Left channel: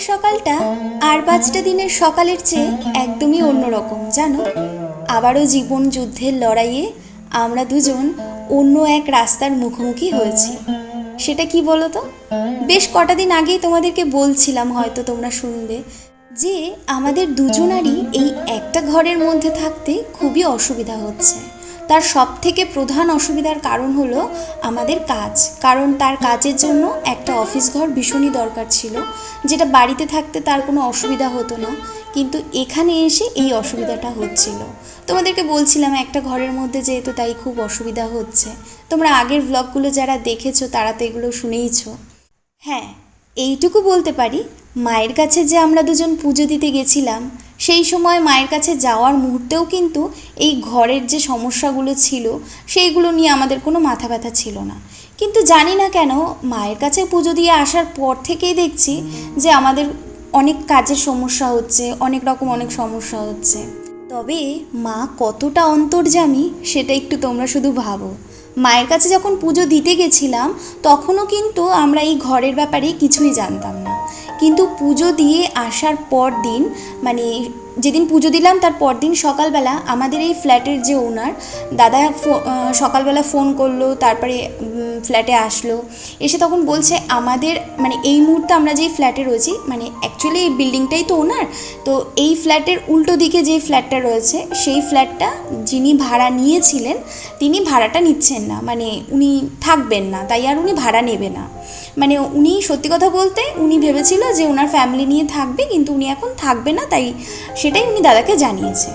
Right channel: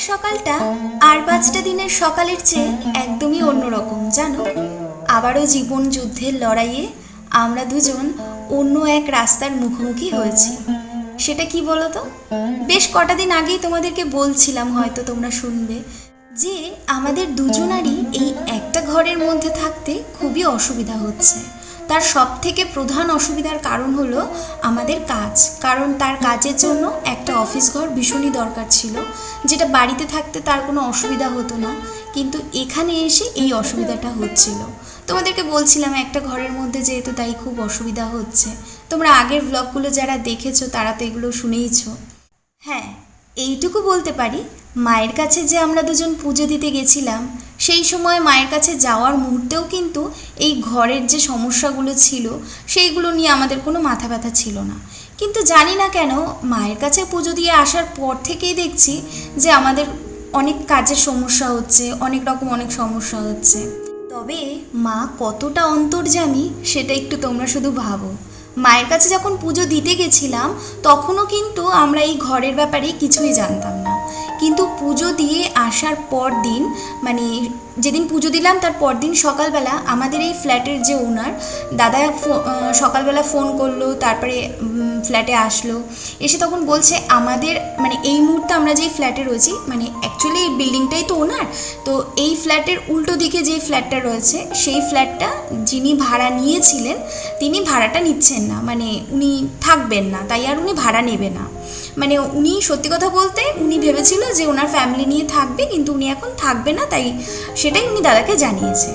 আজকের সকালটা আর পাঁচটা দিনের সকালের চেয়ে একদমই অন্যরকম, জানো? আবারও জীবন যুদ্ধের লড়াইয়ে আমরা দুজন অন্য এক রাস্তার মুখোমুখি হয়েছি। সেটা কি বলো তো বেশ কটা দিন আগেই তোমাদেরকে বলছিলাম হয়তো তোমরা শুনবে যে আমাদের দুজনারই এই একটা ঘরের মধ্যে থাকতে খুবই অসুবিধা হচ্ছে। তার সব থেকে প্রধান অসুবিধার কারণ হলো আমাদের কাজ। কারণ তার কাজের জন্য একটা অফিস ঘর ভীষণই দরকার ছিল। যেটা বাড়িতে থাকতে তার কোনো অসুবিধা হতো না। কিন্তু এখানে এসে এই অসুবিধাটা হচ্ছিল। তোমাদেরকে বলছিলাম একটা ঘরের মধ্যে যেহেতু তাই খুব অসুবিধা হচ্ছে। তোমরা আগের ব্লগগুলো যারা দেখেছ তারা তো এগুলো শুনেইছ। হ্যাঁ এইটুকু বলতে পারি, মায়ের কাছে যে আমরা দুজন পুজো দিতে গেছিলাম সেই সময় মায়ের কাছে যাওয়ার মুহূর্তেও কিন্তু এই ঘরের যে সমস্যাগুলো ছিল, সেইগুলো নিয়ে আমাদের কোনো মাথা ব্যথা ছিল না। কিন্তু জানি না কেন মায়ের কাছে পুজো দিয়ে আসার পর থেকেই দেখছি যে আমাদের অনেক কাজের সমস্যা হচ্ছে, অনেক রকম অনেক সমস্যা হচ্ছে। তবে মা কতটা অন্তর্জামী সেটা একটু তোমরা শুধু ভাবো। মায়ের কাছে যখন পুজো দিতে গেছিলাম, তখনও কিন্তু আমরা এই ঘরের ব্যাপারে কিছুই জানতাম না। কিন্তু পুজো দিয়ে আসার পর দিন মানে যেদিন পুজো দিলাম তার পরদিন সকালবেলা আমাদের এই ফ্ল্যাটের যে ওনার, দাদা সকালবেলা ফোন করল, তারপরে ফ্ল্যাটে আসলো। এসে তখন বলছে, আমাদের মানে এই মুহূর্তে আমরা যেই ফ্ল্যাটে রয়েছি মানে অ্যাকচুয়ালি এই বিল্ডিংটাই তো ওনার, তো এই ফ্ল্যাটের উল্টো দিকে যে ফ্ল্যাটটা রয়েছে, সেই ফ্ল্যাটটা যিনি ভাড়া নিয়েছিলেন, তিনি ভাড়াটা নিচ্ছেন না মানে উনি থাকবেন না, তাই আর উনি ভাড়া নেবে না। মানে উনি সত্যি কথা বলতে উনি ভেবেছিল যে ওনার ফ্যামিলি নিয়ে থাকবে, কিন্তু উনি এখন থাকবে না, তাই সেটাই উনি দাদাকে জানিয়েছে।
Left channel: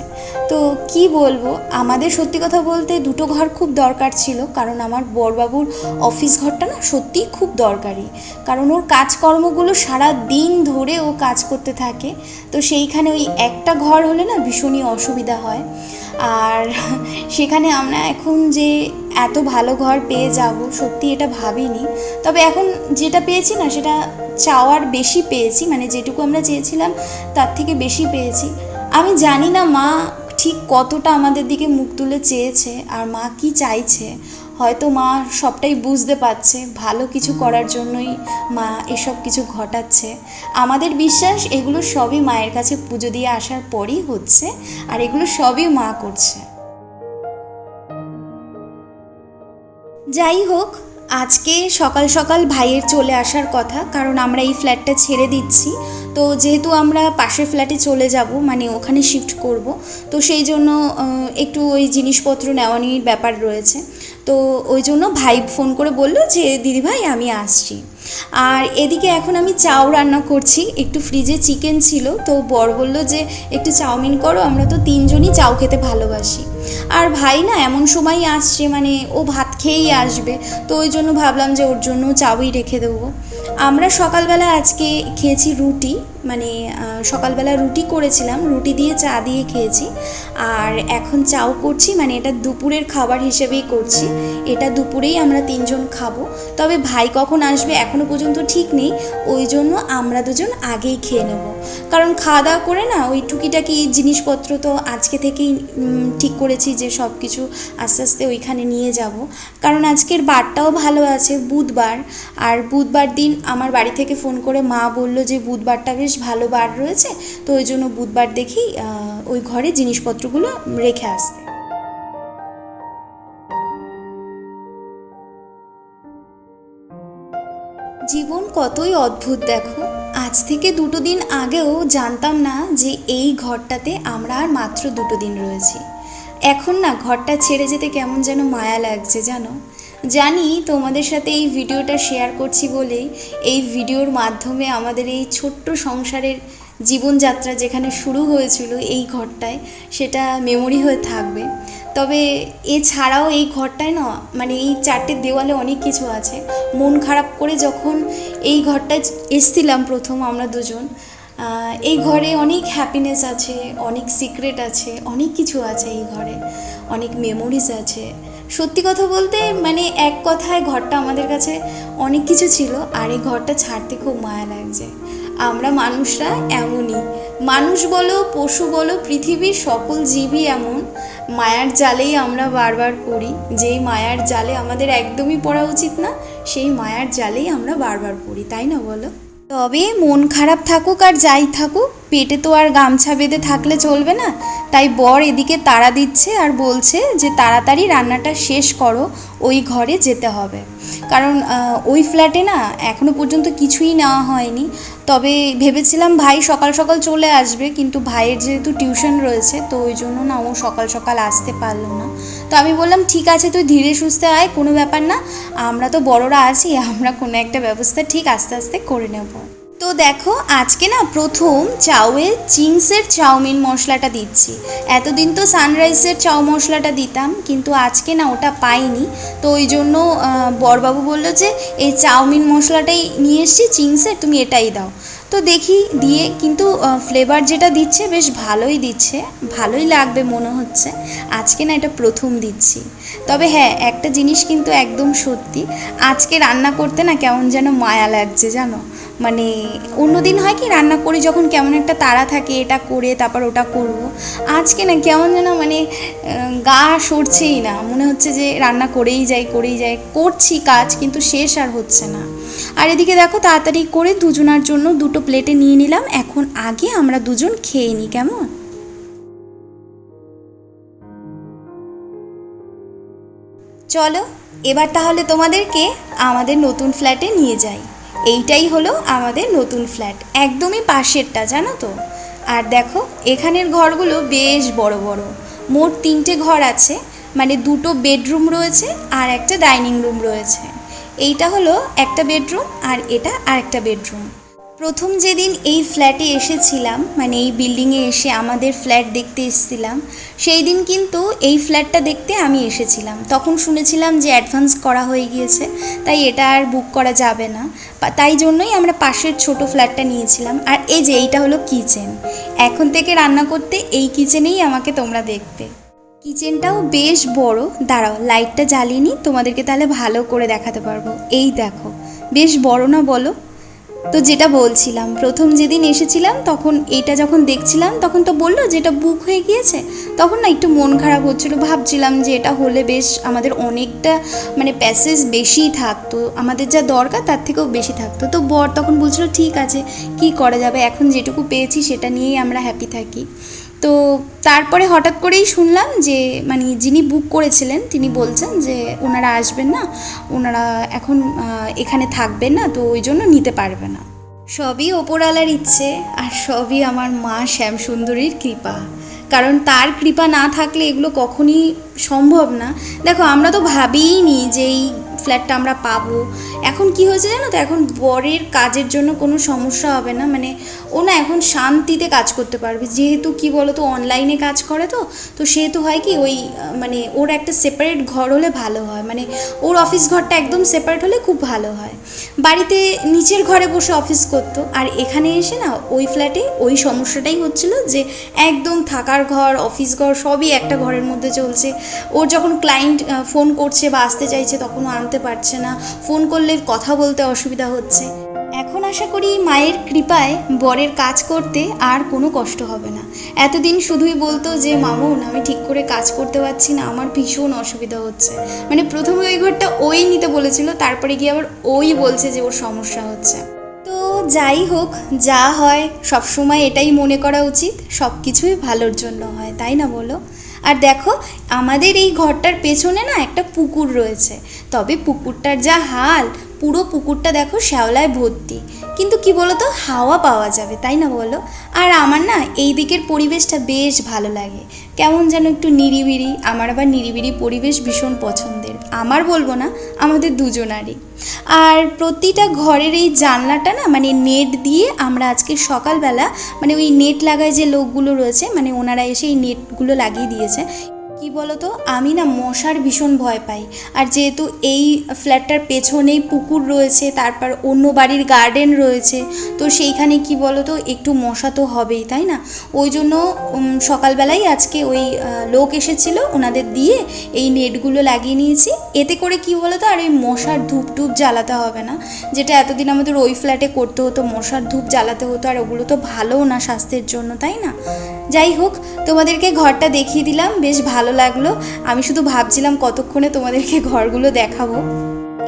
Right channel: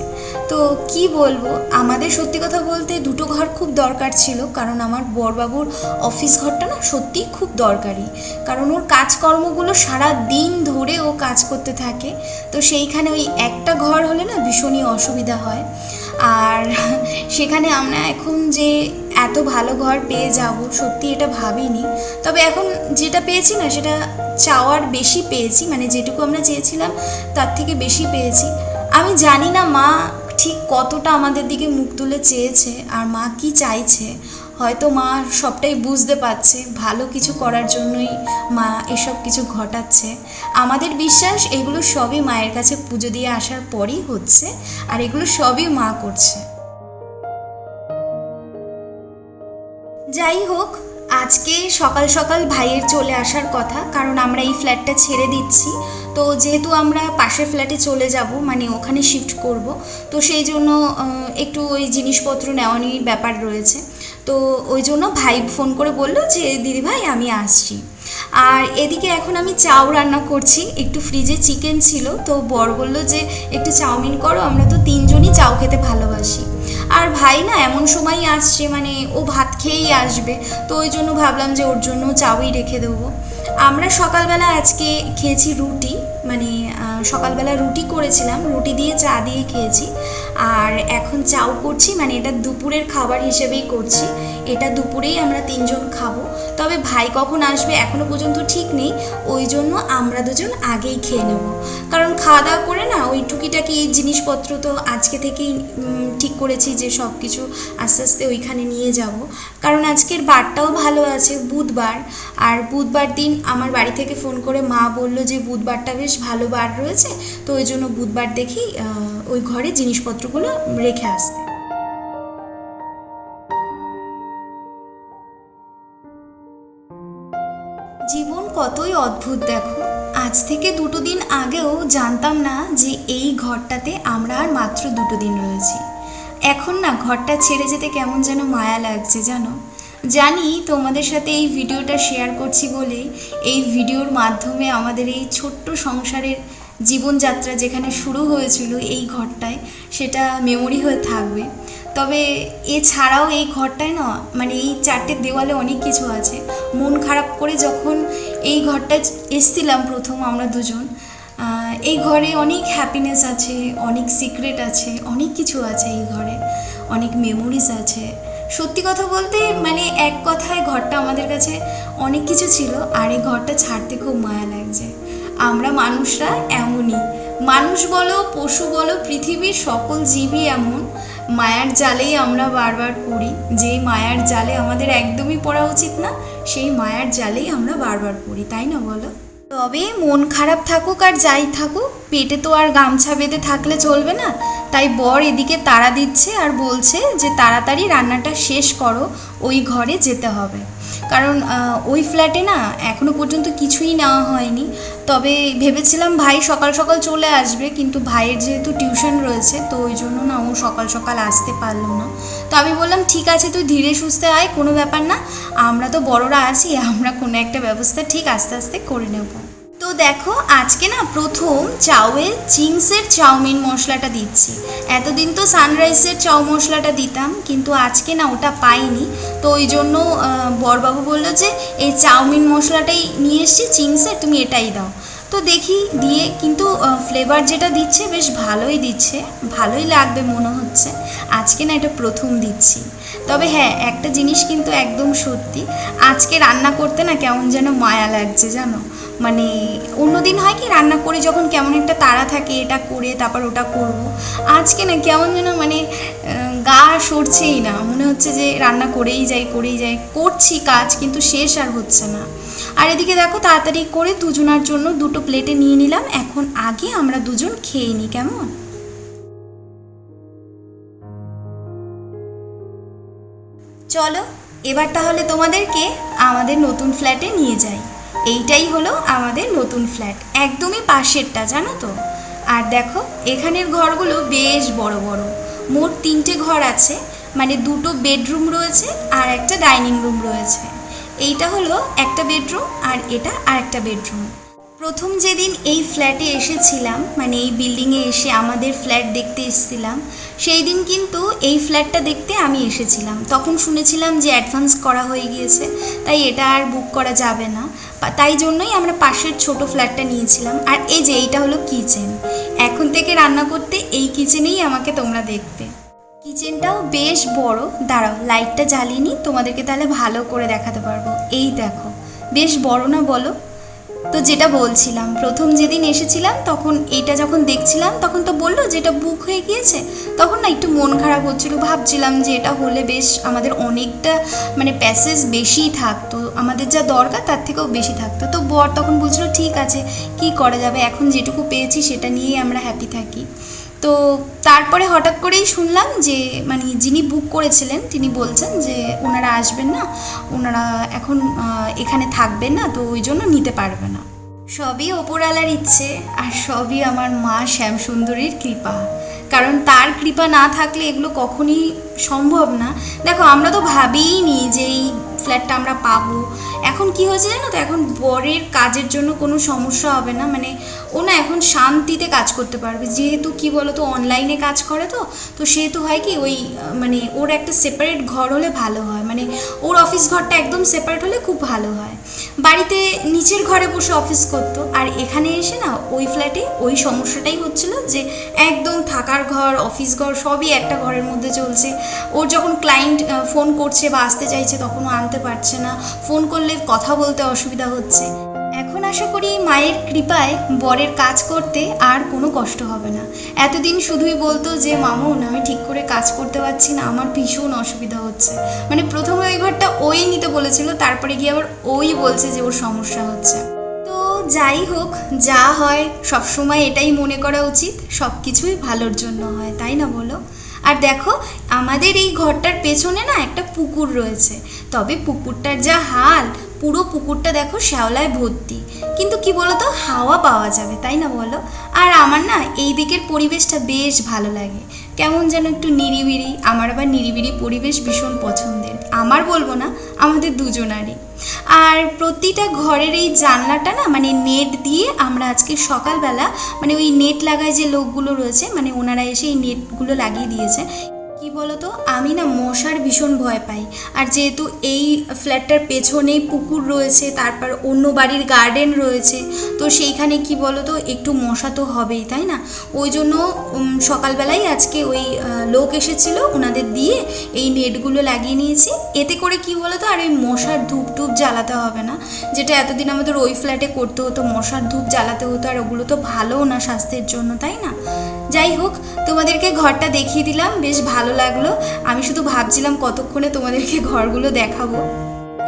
তো কি বলব, আমাদের সত্যি কথা বলতে দুটো ঘর খুব দরকার ছিল, কারণ আমার বরবাবুর অফিস ঘরটা না সত্যিই খুব দরকারি। কারণ ওর কাজকর্মগুলো সারা দিন ধরে ও কাজ করতে থাকে, তো সেইখানে ওই একটা ঘর হলে না ভীষণই অসুবিধা হয়। আর সেখানে আমরা এখন যে এত ভালো ঘর পেয়ে যাব, সত্যি এটা ভাবিনি। তবে এখন যেটা পেয়েছি না, সেটা চাওয়ার বেশি পেয়েছি মানে যেটুকু আমরা চেয়েছিলাম, তার থেকে বেশি পেয়েছি। আমি জানি না মা ঠিক কতটা আমাদের দিকে মুখ তুলে চেয়েছে, আর মা কি চাইছে। হয়তো মা সবটাই বুঝতে পারছে, ভালো কিছু করার জন্যই মা এসব কিছু ঘটাচ্ছে। আমাদের বিশ্বাস, এগুলো সবই মায়ের কাছে পুজো দিয়ে আসার পরেই হচ্ছে, আর এগুলো সবই মা করছে। যাই হোক, আজকে সকাল সকাল ভাইয়ের চলে আসার কথা, কারণ আমরা এই ফ্ল্যাটটা ছেড়ে দিচ্ছি। তো যেহেতু আমরা পাশের ফ্ল্যাটে চলে যাব মানে ওখানে শিফট করব, তো সেই জন্য একটু ওই জিনিসপত্র নেওয়া নিয়ে ব্যাপার রয়েছে। তো ওই জন্য ভাই ফোন করে বলল যে দিদি ভাই আমি আসছি। আর এদিকে এখন আমি চাউ রান্না করছি। একটু ফ্রিজে চিকেন ছিল, তো বর বলল যে, একটু চাউমিন করো, আমরা তো তিনজনই চাউ খেতে ভালোবাসি। আর ভাই না এমন সময় আসছে মানে ও ভাত খেয়েই আসবে, তো ওই জন্য ভাবলাম যে ওর জন্য চাউই রেখে দেবো। আমরা সকালবেলা আজকে খেয়েছি রুটি মানে সকালবেলা রুটি করেছিলাম, রুটি দিয়ে চা দিয়ে খেয়েছি। আর এখন চাউ করছি মানে এটা দুপুরের খাবার হিসেবেই করছি। এটা দুপুরেই আমরা তিনজন খাব। তবে ভাই কখন আসবে এখনও পর্যন্ত ঠিক নেই, ওই জন্য আমরা দুজন আগেই খেয়ে নেব। কারণ খাওয়া দাওয়া করে না, ওই টুকিটাকি জিনিসপত্র তো আজকে থেকেই ঠিক করেছি যে সব কিছু আস্তে আস্তে ওইখানে নিয়ে যাব। কারণ আজকের বারটাও ভালো আছে, বুধবার। আর বুধবার দিন আমার বাড়ি থেকে ফোন করে মা বলল যে, বুধবারটা বেশ ভালো বার রয়েছে তো ওই জন্য বুধবার দেখি ওই ঘরে জিনিসপত্রগুলো রেখে আসতে জীবন কতই অদ্ভুত দেখো। আজ থেকে দুটো দিন আগেও জানতাম না যে এই ঘরটাতে আমরা আর মাত্র দুটো দিন রয়েছি। এখন না ঘরটা ছেড়ে যেতে কেমন যেন মায়া লাগছে, জানো? জানি তোমাদের সাথে এই ভিডিওটা শেয়ার করছি বলেই এই ভিডিওর মাধ্যমে আমাদের এই ছোট্ট সংসারের জীবনযাত্রা যেখানে শুরু হয়েছিল এই ঘরটায়, সেটা মেমোরি হয়ে থাকবে। তবে এছাড়াও এই ঘরটায় না মানে এই চারটে দেওয়ালে অনেক কিছু আছে। মন খারাপ করে যখন এই ঘরটায় এসছিলাম প্রথম আমরা দুজন এই ঘরে অনেক হ্যাপিনেস আছে, অনেক সিক্রেট আছে, অনেক কিছু আছে এই ঘরে, অনেক মেমোরিজ আছে। সত্যি কথা বলতে মানে এক কথায় ঘরটা আমাদের কাছে অনেক কিছু ছিল, আর এই ঘরটা ছাড়তে খুব মায়া লাগছে। আমরা মানুষরা এমনই। মানুষ বলো, পশু বলো, পৃথিবীর সকল জীবই এমন। মায়ার জালেই আমরা বারবার পড়ি। যেই মায়ার জালে আমাদের একদমই পড়া উচিত না, সেই মায়ার জালেই আমরা বারবার পড়ি, তাই না বলো? তবে মন খারাপ থাকুক আর যাই থাকুক, পেটে তো আর গামছা বেঁধে থাকলে চলবে না। তাই বর এদিকে তাড়া দিচ্ছে আর বলছে যে তাড়াতাড়ি রান্নাটা শেষ করো, ওই ঘরে যেতে হবে। কারণ ওই ফ্ল্যাটে না, এখনও পর্যন্ত কিছুই নেওয়া হয়নি। তবে ভেবেছিলাম ভাই সকাল সকাল চলে আসবে, কিন্তু ভাইয়ের যেহেতু টিউশন রয়েছে, তো ওই জন্য না ও সকাল সকাল আসতে পারল না। তো আমি বললাম, ঠিক আছে, তুই ধীরে সুস্থে আয়, কোনো ব্যাপার না। আমরা তো বড়রা আছি, আমরা কোনো একটা ব্যবস্থা ঠিক আস্তে আস্তে করে নেব। তো দেখো, আজকে না প্রথম চাউয়ে চিংসের চাউমিন মশলাটা দিচ্ছি। এতদিন তো সানরাইসের চাউ মশলাটা দিতাম, কিন্তু আজকে না ওটা পাইনি। তো ওই জন্য বরবাবু বলল যে, এই চাউমিন মশলাটাই নিয়ে এসছি চিংসের তুমি এটাই দাও। তো দেখি, দিয়ে কিন্তু ফ্লেভার যেটা দিচ্ছে বেশ ভালোই দিচ্ছে, ভালোই লাগবে মনে হচ্ছে। আজকে না এটা প্রথম দিচ্ছি। তবে হ্যাঁ একটা জিনিস কিন্তু একদম সত্যি, আজকে রান্না করতে না কেমন যেন মায়া লাগছে, জানো? মানে অন্যদিন হয় কি রান্না করি যখন কেমন একটা তাড়া থাকে, এটা করে তারপর ওটা করব। আজকে না কেমন যেন মানে গা সরছেই না। মনে হচ্ছে যে রান্না করেই যাই করেই যাই। করছি কাজ কিন্তু শেষ আর হচ্ছে না। আর এদিকে দেখো তাড়াতাড়ি করে দুজনার জন্য দুটো প্লেটে নিয়ে নিলাম। এখন আগে আমরা দুজন খেয়ে নিই, কেমন? চলো, এবার তাহলে তোমাদেরকে আমাদের নতুন ফ্ল্যাটে নিয়ে যাই। এইটাই হলো আমাদের নতুন ফ্ল্যাট। একদমই পাশেরটা, জানো তো? আর দেখো, এখানের ঘরগুলো বেশ বড় বড়। মোট তিনটে ঘর আছে মানে দুটো বেডরুম রয়েছে আর একটা ডাইনিং রুম রয়েছে। এইটা হলো একটা বেডরুম আর এটা আর একটা বেডরুম। প্রথম যেদিন এই ফ্ল্যাটে এসেছিলাম মানে এই বিল্ডিংয়ে এসে আমাদের ফ্ল্যাট দেখতে এসেছিলাম, সেই দিন কিন্তু এই ফ্ল্যাটটা দেখতে আমি এসেছিলাম। তখন শুনেছিলাম যে অ্যাডভান্স করা হয়ে গিয়েছে, তাই এটা আর বুক করা যাবে না। তাই জন্যই আমরা পাশের ছোট ফ্ল্যাটটা নিয়েছিলাম। আর এই যে এইটা হলো কিচেন এখন থেকে রান্না করতে এই কিচেনেই আমাকে তোমরা দেখতে। কিচেনটাও বেশ বড়। দাঁড়াও লাইটটা জ্বালিয়ে নিই, তোমাদেরকে তাহলে ভালো করে দেখাতে পারব। এই দেখো, বেশ বড় না বলো? তো যেটা বলছিলাম, প্রথম যেদিন এসেছিলাম, তখন এটা যখন দেখছিলাম, তখন তো বলল যে এটা বুক হয়ে গিয়েছে। তখন না একটু মন খারাপ হচ্ছিল, ভাবছিলাম যে এটা হলে বেশ আমাদের অনেকটা মানে প্যাসেজ বেশি থাকতো। আমাদের যা দরকার, তার থেকেও বেশি থাকতো। তো বর তখন বলছিল, ঠিক আছে, কি করা যাবে? এখন যেটুকু পেয়েছি, সেটা নিয়েই আমরা হ্যাপি থাকি। তো তারপরে হঠাৎ করেই শুনলাম যে মানে যিনি বুক করেছিলেন, তিনি বলছেন যে ওনারা আসবেন না, ওনারা এখন এখানে থাকবেন না, তো ওই জন্য নিতে পারবে না। সবই ওপরওয়ালার ইচ্ছে, আর সবই আমার মা শ্যামসুন্দরীর কৃপা। কারণ তার কৃপা না থাকলে এগুলো কখনই সম্ভব না। দেখো, আমরা তো ভাবিই নি যে এই ফ্ল্যাটটা আমরা পাবো। এখন কি হয়েছে জানো তো? এখন বরের কাজের জন্য কোনো সমস্যা হবে না। মানে ও না এখন শান্তিতে কাজ করতে পারবে। যেহেতু কি বলো তো অনলাইনে কাজ করে তো তো সেহেতু হয় কি ওই মানে ওর একটা সেপারেট ঘর হলে ভালো হয়। মানে ওর অফিস ঘরটা একদম সেপারেট হলে খুব ভালো হয়। বাড়িতে নিচের ঘরে বসে অফিস করতো। আর এখানে এসে না ওই ফ্ল্যাটে ওই সমস্যাটাই হচ্ছিল যে একদম থাকার ঘর অফিস ঘর সবই একটা ঘরের মধ্যে চলছে। ওর যখন ক্লায়েন্ট ফোন করছে বা আসতে চাইছে তখন ও আনতে পারছে না। ফোন করলে কথা বলতে অসুবিধা হচ্ছে। এখন আশা করি মায়ের কৃপায় বরের কাজ করতে আর কোনো কষ্ট হবে না। এতদিন শুধুই বলতো যে, মামুন, আমি ঠিক করে কাজ করতে পারছি না, আমার ভীষণ অসুবিধা হচ্ছে। মানে প্রথমে ওই ঘরটা ওই নিতে বলেছিল, তারপরে গিয়ে আবার ওই বলছে যে, ওর সমস্যা হচ্ছে। তো যাই হোক, যা হয়, সবসময় এটাই মনে করা উচিত সব কিছুই ভালোর জন্য হয়, তাই না বলো? আর দেখো, আমাদের এই ঘরটার পেছনে না একটা পুকুর রয়েছে। তবে পুকুরটার যা হাল পুরো পুকুরটা দেখো শ্যাওলায় ভর্তি। কিন্তু কি বলো তো হাওয়া পাওয়া যাবে, তাই না বলো? আর আমার না এই দিকের পরিবেশটা বেশ ভালো লাগে। কেমন যেন একটু নিরিবিরি, আমার আবার নিরিবিরি পরিবেশ ভীষণ পছন্দের। আমার বলব না, আমাদের দুজনারই। আর প্রতিটা ঘরের এই জানলাটা না মানে নেট দিয়ে আমরা আজকে সকালবেলা মানে ওই নেট লাগায় যে লোকগুলো রয়েছে মানে ওনারা এসে এই নেটগুলো লাগিয়ে দিয়েছে কি বলতো? আমি না মশার ভীষণ ভয় পাই। আর যেহেতু এই ফ্ল্যাটটার পেছনেই পুকুর রয়েছে, তারপর অন্য বাড়ির গার্ডেন রয়েছে, তো সেইখানে কি বলতো, একটু মশা তো হবেই, তাই না? ওই জন্য সকালবেলাই আজকে ওই লোক এসেছিল, ওনাদের দিয়ে এই নেটগুলো লাগিয়ে নিয়েছি। এতে করে কি বলতো, আর ওই মশার ধূপ টুপ জ্বালাতে হবে না। যেটা এতদিন আমাদের ওই ফ্ল্যাটে করতে হতো, মশার ধূপ জ্বালাতে হতো, আর ওগুলো তো ভালোও না স্বাস্থ্যের জন্য, তাই না? যাই হোক, তোমাদেরকে ঘরটা দেখিয়ে দিলাম, বেশ ভালো লাগল। আমি শুধু ভাবছিলাম কতক্ষণে তোমাদেরকে ঘরগুলো দেখাবো।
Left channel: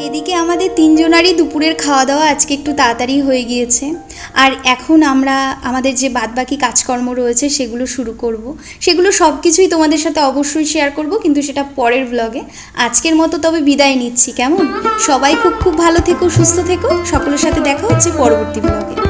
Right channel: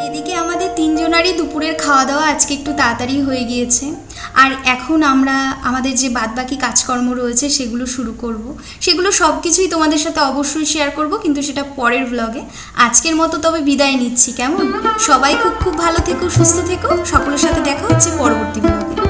এদিকে আমাদের তিনজনারই দুপুরের খাওয়া দাওয়া আজকে একটু তাড়াতাড়ি হয়ে গিয়েছে। আর এখন আমরা আমাদের যে বাদবাকি কাজকর্ম রয়েছে, সেগুলো শুরু করব। সেগুলো সব কিছুই তোমাদের সাথে অবশ্যই শেয়ার করব, কিন্তু সেটা পরের ব্লগে আজকের মতো তবে বিদায় নিচ্ছি, কেমন? সবাই খুব খুব ভালো থেকো, সুস্থ থেকো। সকলের সাথে দেখা হচ্ছে পরবর্তী ব্লগে